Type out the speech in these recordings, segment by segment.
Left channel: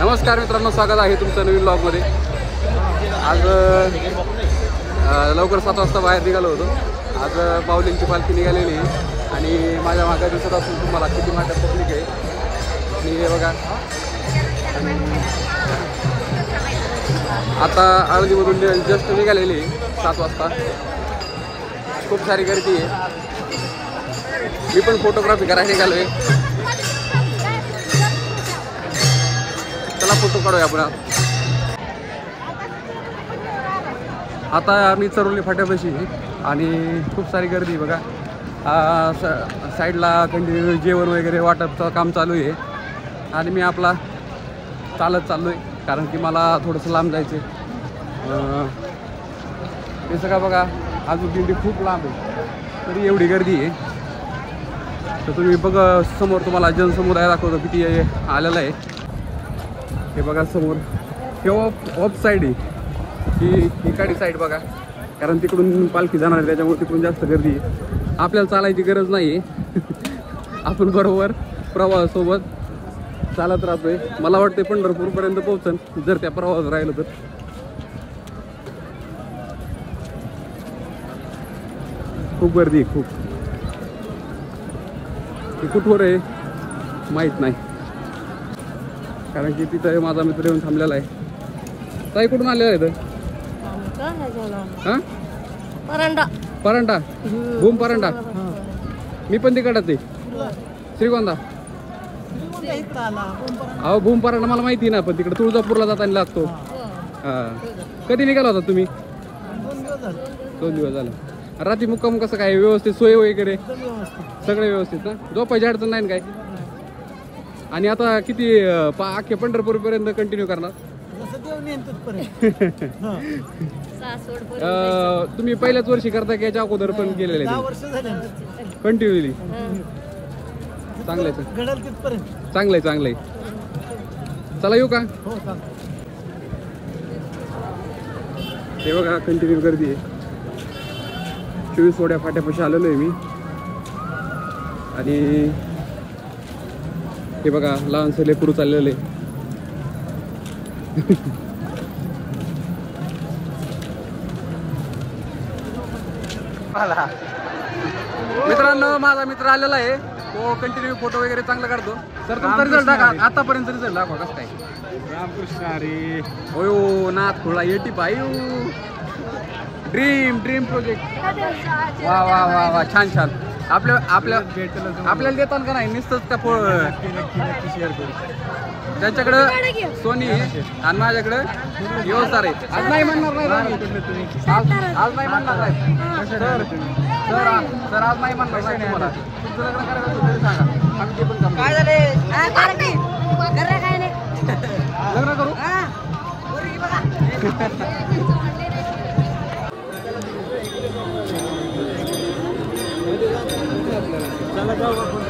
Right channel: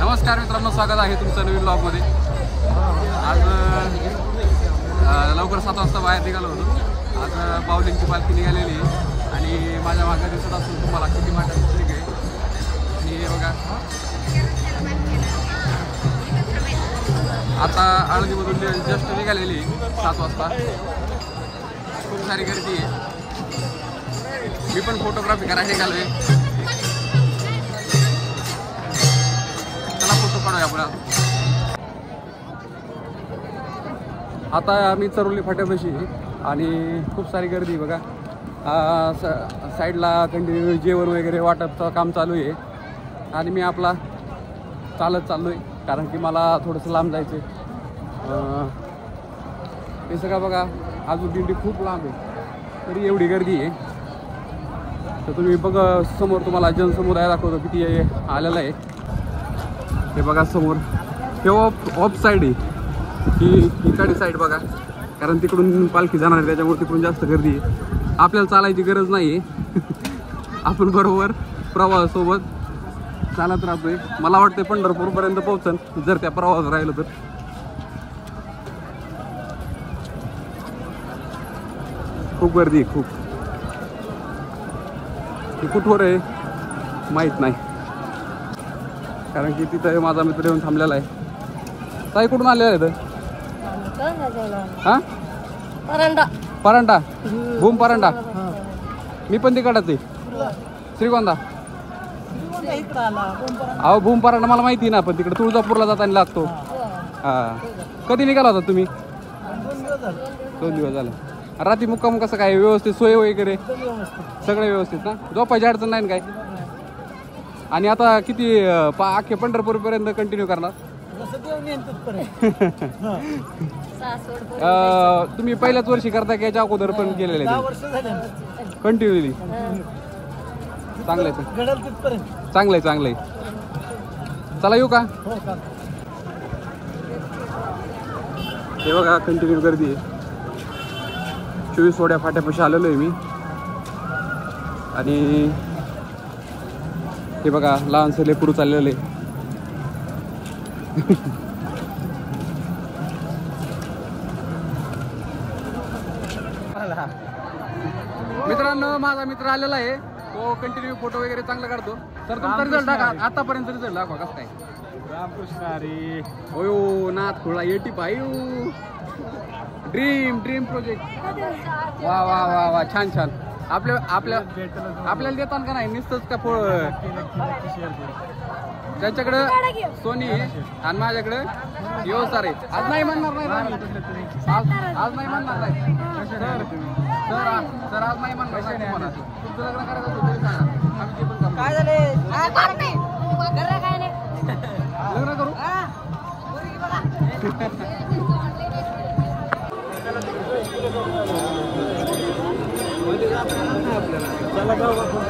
नमस्कार मित्रांनो, स्वागत आहे तुमचं नवीन ब्लॉगमध्ये। आज लवकर 7 वाजता बाहेर निघालो होतो। आज माऊलींची पालखी निघालेली आणि माझ्या मागे दिसत असून तुम्हाला किती मोठं पब्लिक आहे। आणि हे बघा, आणि आता आळंदीमधून जस्ट निघालेली 7 वाजता। खूप सारी गर्दी आहे। मी पण फोटोग्राफी करायला निघालोय। चला फोटो काढूया आपण। आता मी चरोली फाट्यापाशी आणि खूप सारी गर्दी बघा। साईडला कंटिन्यू जेवण वगैरे वाटपचं काम चालू आहे आणि मी आपला चालत चाललोय, कारण की मला थोडंसं लांब जायचं आहे। हे सगळं बघा, अजून दिंडी खूप लांब आहे तरी एवढी गर्दी आहे। तर तुम्ही बघा समोर, तुम्हाला जनसमुदाय दाखवतो किती आलेला आहे। हे बघा समोर, हे ऑफ साईड आहे, ही इकडची साईड बघा, कारण तिकडून पालखी जाणार आहे त्याच्यामुळे तिकडून जास्त गर्दी आहे। आपल्याला चालायची गरज नाही आपण बरोबर प्रवाहासोबत चालत राहतोय। मला वाटतं पंढरपूरपर्यंत पोहोचन जर त्या प्रवाहात राहिलं तर। खूप गर्दी आहे, खूप। कुठवर आहे माहीत नाही, कारण की तिथं माझा मित्र येऊन थांबलेला आहे। ताई कुठून आलेला आहे? हा, परांडा परांडा, भूम परांडा। मी पण तिकडच आहे, श्रीगोंदा। अहो भूम परांडा मला माहिती ना, पण तिकडे तुळजापूरला जाताना लागतो। हा, कधी निघाला होता तुम्ही? 2 दिवस झालं। रात्री मुक्काम कसं काय? व्यवस्थित सोय वगैरे सगळं व्यवस्थित ना? झोपायची अडचण नाही ना काय? आणि आता किती अख्खे पंढरपूर पर्यंत कंटिन्यू करणार? तुम्ही पहिल्याच वर्षी करता की याच्या अगोदर पण केलेले? कंटिन्युअली। चांगलंय, चांगलंय, चांगलंय। चला येऊ का? हे बघा कंटिन्यू गर्दी आहे। 24 वड्या फाट्यापाशी आलेलो आहे मी आणि हे बघा लहानसे लेकरू चाललेले। मित्रांनो, माझा मित्र आलेला आहे, तो कंटिन्यू फोटो वगैरे चांगला काढतो। सर तुमचा रिझल्ट दाखवा, आतापर्यंत रिझल्ट दाखवा कसं काय? रामकृष्ण हरी। होयो नाथ खोळा 85 ड्रीम प्रोजेक्ट। वा वा वा वा, छान छान। आपल्याला देतात का नाही? नुसतंच का शेअर करू? त्यांच्याकडं सोनी आहे आणि माझ्याकडं योजदार आहे। आज नाही म्हणणार नाही, आज नाही म्हणणार नाही सर, आज नाही म्हणणार नाही तुम्हाला। तुमचं लग्न करायचं असेल तरी सांगा, आम्ही ते पण काम करू। लग्न करू। चला जाऊ आपण।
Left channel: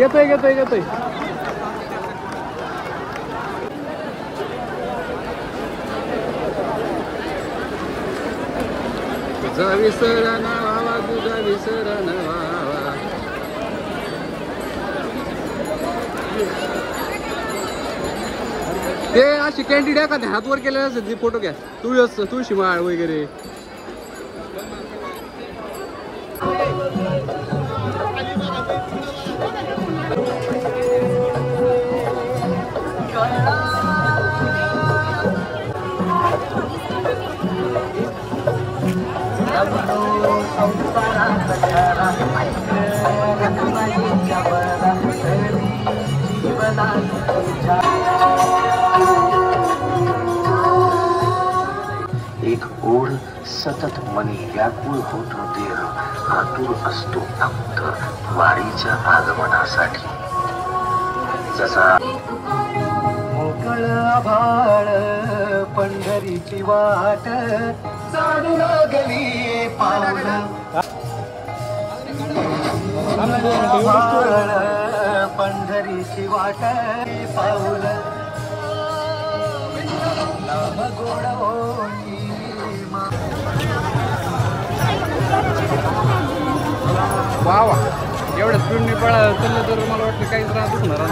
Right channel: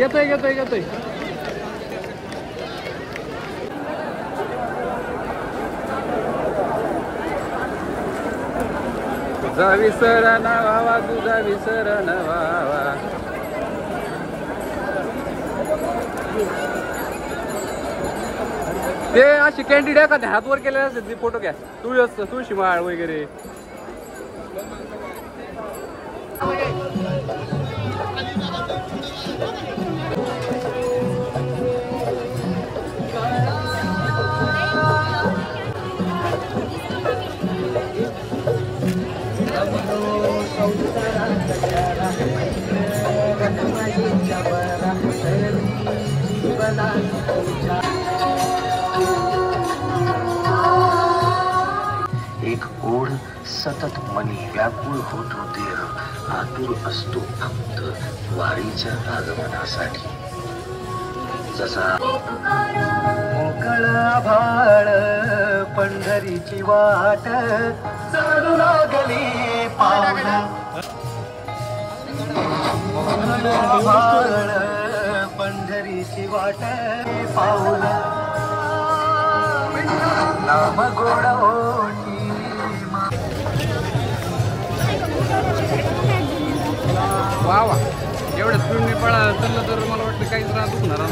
घेतोय तुझा विसर व्हावा, तुझा विसर व्हावा। ते अशी कॅन्डिड आहे का ते हात वर केलेले असेल ते फोटो घ्या। तुळशी माळ वगैरे। सतत मनी व्याकुळ होतो देह, आतुर असतो फक्त वारीच्या आगमनासाठी. जसा मोकळ आभाळ पंढरीची वाट चालू लागली पावलं, आभाळ पंढरीची वाट पावलं, नाम गोड एवढं स्पीड मी पळा चाललं तर मला वाटतं काही त्रास होणार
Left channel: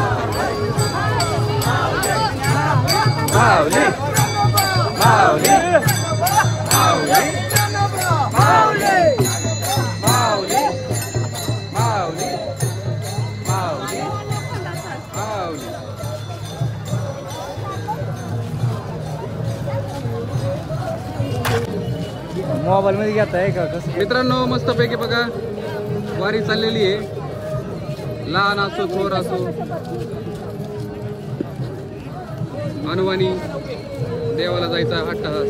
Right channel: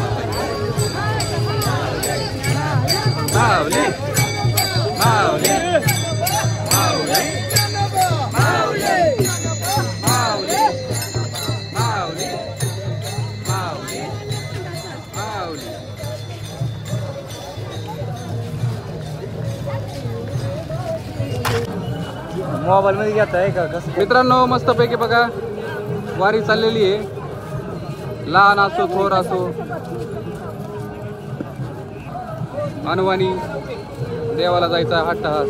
मोबाईल मध्ये घेताय का कसं? मित्रांनो मस्तपैकी बघा वारी चाललेली आहे. लहान असो थोर असो अनुवानी देवाला जायचा हट्टहास,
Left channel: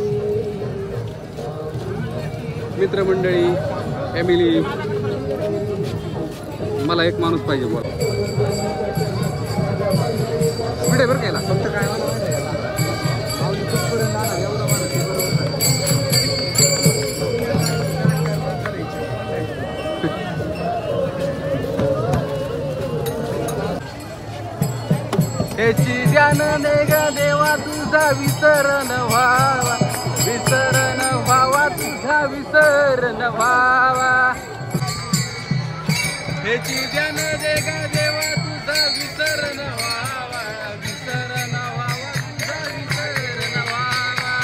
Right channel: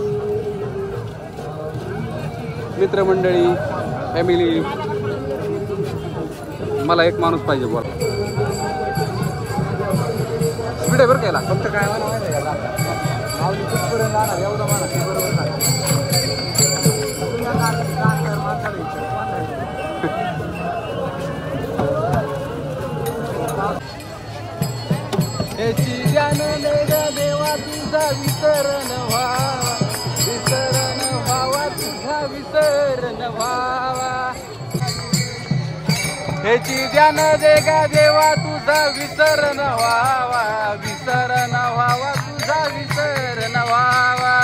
मित्रमंडळी, फॅमिली. मला एक माणूस पाहिजे बोला. स्पीड आहे बरं कायला फक्त काय मला माहिती आहे का माऊली कुठपर्यंत जाणार एवढं म्हणा ते बरोबर नाही. याची ध्यान देगा देवा तुझा विसरण व्हावा, विसरण व्हावा तुझा विसरण व्हावा. याची ध्यान देगा देवा तुझा विसरण व्हावा, विसरण व्हावा तुझा विसरण व्हावा.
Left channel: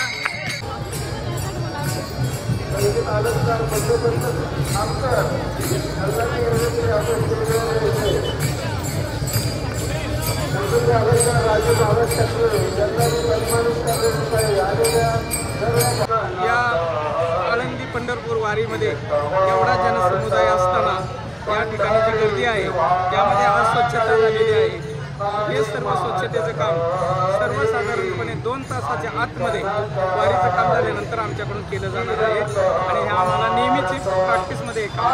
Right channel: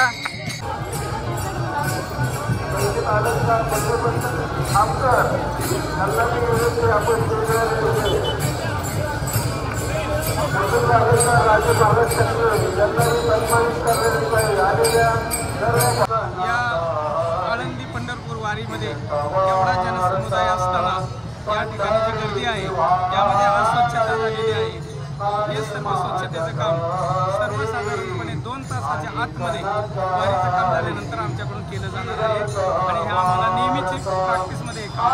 या आळंदी पंढरपूर वारीमध्ये एवढा जनसमुदाय असताना या ठिकाणी जी गर्दी आहे त्यामध्ये अस्वच्छता झालेली आहे. हे सर्व स्वच्छतेचं काम सर्वसाधारणपणे 2 तासाच्या आतमध्ये वारीचं काम झाल्यानंतर आमच्याकडून केलं जाणार आहे आणि हे आम्हाला नेहमीची प्रॅक्टिसमध्ये काम.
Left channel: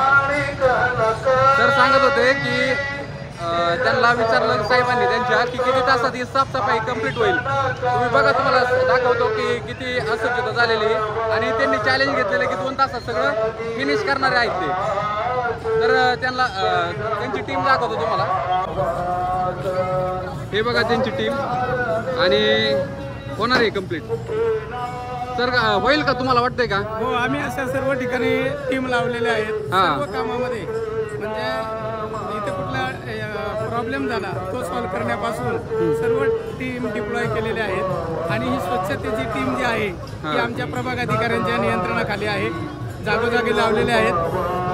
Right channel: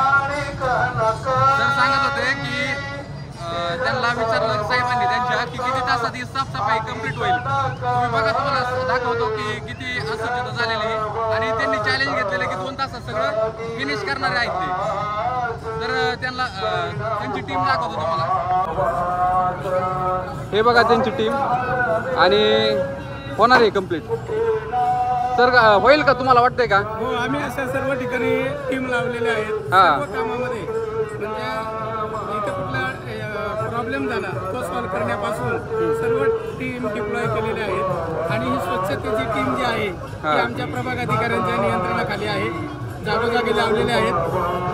सर सांगत होते की त्यांना विचारलं साहेबांनी त्यांच्या की किती तासात ही साफसफाई कंप्लीट होईल. तुम्ही बघा तुम्हाला दाखवतो की किती अस्वच्छता झालेली आणि त्यांनी चॅलेंज घेतलेलं की 2 तासात सगळं फिनिश करणारे आहेत ते. तर त्यांना त्यांची टीम दाखवतो तुम्हाला. हे बघा त्यांची टीम आणि होणार आहे कंप्लीट. सर होईल का तुम्हाला वाटतंय का? हो, आम्ही अशा सर्व ठिकाणी टीम लावलेल्या आहेत सर्व कामामध्ये. म्हणजे इथे कुठला प्रॉब्लेम झाला तो सॉल्व्ह करण्यापासून सर्व टीम डिप्लॉय केलेल्या आहेत. आणि ही स्वच्छतेची टीम जी आहे ती आमच्या प्रभाग अधिकाऱ्यांच्या नियंत्रणाखाली आहे. जागोजागी लावलेले आहेत.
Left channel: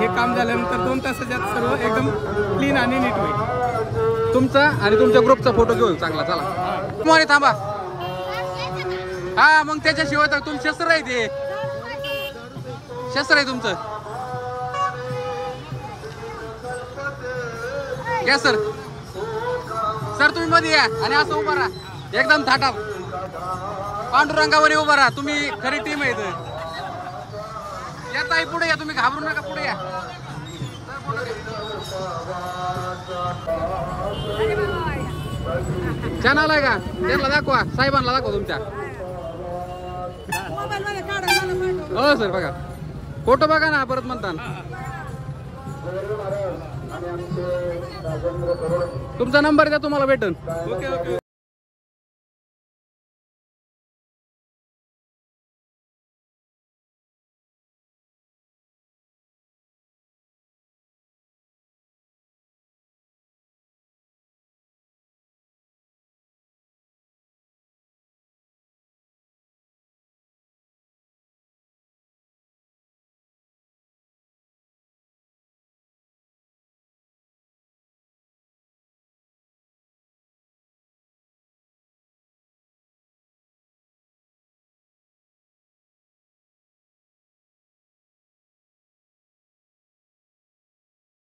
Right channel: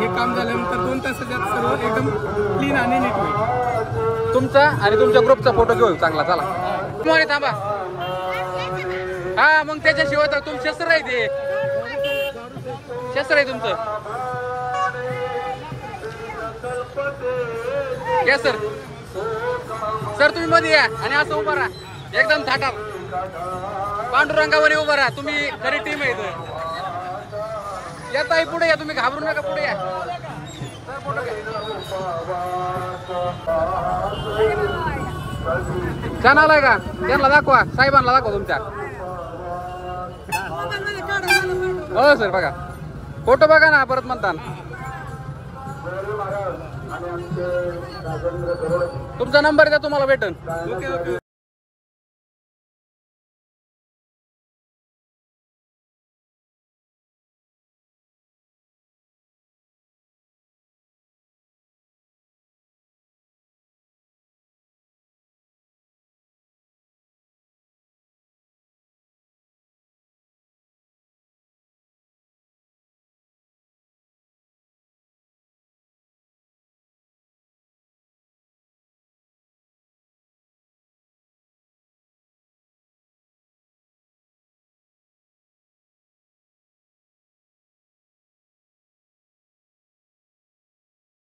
हे काम झाल्यानंतर 2 तासाच्यात सर्व एकदम क्लीन आणि नीट होईल. तुमचा आणि तुमच्या ग्रुपचा फोटो घेऊ चांगला. चला तुम्हाला थांबा. हा मग त्याच्याशिवाय तर तुमचं शस्त्र आहे ते शस्त्र आहे तुमचं. या सर सर तुम्ही मध्ये या आणि असं उभा राहा एकदम थाटात पांडुरंगावर उभा राहा. तुम्ही खरी टीम आहे इथे. या ताई पुढे या, तुम्ही घाबरू नका, पुढे या. फोटो घ्या. छान आलाय का? त्यांना दाखवा, साहेबांना दाखवा तुमच्या. हो सर बघा फोटो बघा ना परत म्हणता. तुमचा नंबर द्या तुम्हाला भेटेल.